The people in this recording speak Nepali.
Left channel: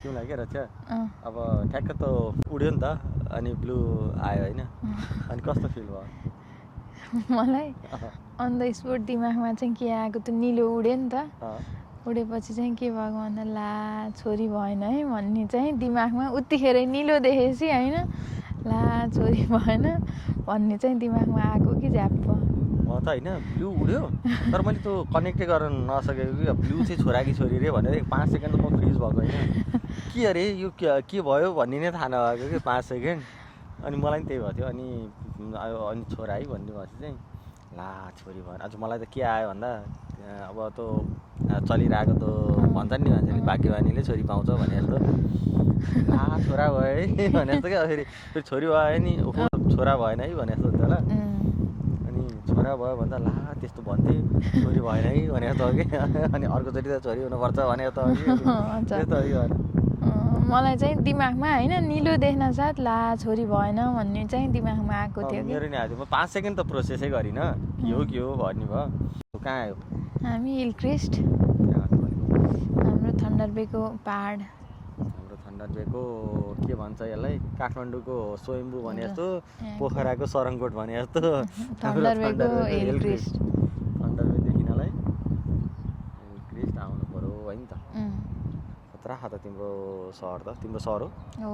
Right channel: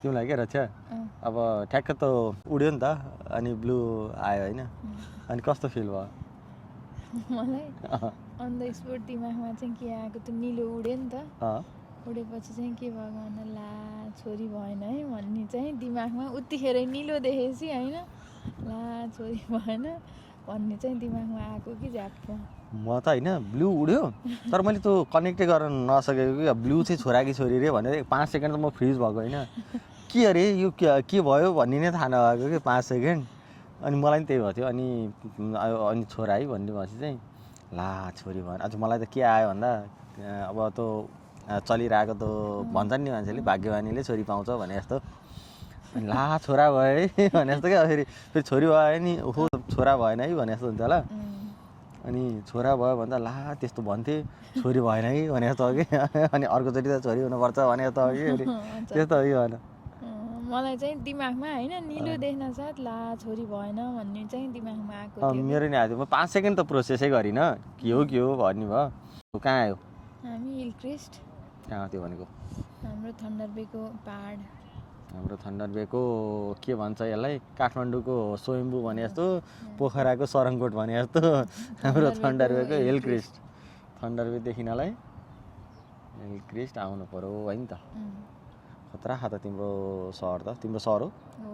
तिमीलाई के रक्षा अँ, अब ठ्याक्क त उड्यो नि त अनि ब्लू आयो होइन अनि कस्तो फिल भयो मलाई अन द स्पोट दिमागमा चाहिँ के आएको त्यो निलो उड्यो नि त अँ, उडेपछि चाहिँ के भएको भन्दा ला छोरी भएन है भन्ने चाहिँ दिमागमा उतिखेरै निलो देखेपछि होइन ला छोरी भएन भन्ने चाहिँ दिमागमा आएको कि झ्याप्प म त होइन ब्लू उड्यो तर मैले त्यो कनेक्टै गर्न नसकेको कि ब्लू चाहिँ छोरा कि छोरी रे भनेर 5 सेकेन्ड त म फ्रिज भएको होइन के अरे यो के भयो भन्ने नै थाहा नभएको कि 5 सेकेन्ड अनि मलाई पनि त्यही भएको थियो अनि छोरा है भन्ने भएपछि चाहिँ ला छोरी भयो आज मलाई त के आयो भन्दा अब त्यो चलिरहेको त भन्छ नि मान्छेले भाग्यवानीले छोरी पाउँछ भने जस्तो ला छोरा भयो है भने जस्तो क्या फेरि छोरी भयो नि ओहो छोरा भएन है भने जस्तो हुन्छ होला अनि छोरा भयो भन्दा ला त्यस्तो भन्थे छोरी भएन है भने जस्तो हो कि अनि अर्कोचोटि त छोरी हुनुपर्छ भने जस्तो हो कि त्यस्तो हो कि भन मलाई चाहिँ दिमागमा होइन निलो देख्न साथ ला छोरी भएन भन्ने चाहिँ दिमागमा आएको थियो कि। मेरो नि आयो म 5 सेकेन्ड त प्रोसेसै गरिनँ के हो भन्ने भयो कहाँ आयो हामी हिल क्रेस्ट कहाँ थियो भनेको हाम्रो थन्डरबेको पहाड हाम्रो थन्डरबेको के भन्छ यसलाई काठमाडौँको स्वयम्भू भने जस्तो पोखराको सरङकोट भने जस्तो हाम्रो थन्डरबेको हिल क्रेस्ट थन्डरबे देखिनलाई हिल क्रेस्ट आउनु पर्यो है नि त खतरा खा त तिम्रो सहर हो हो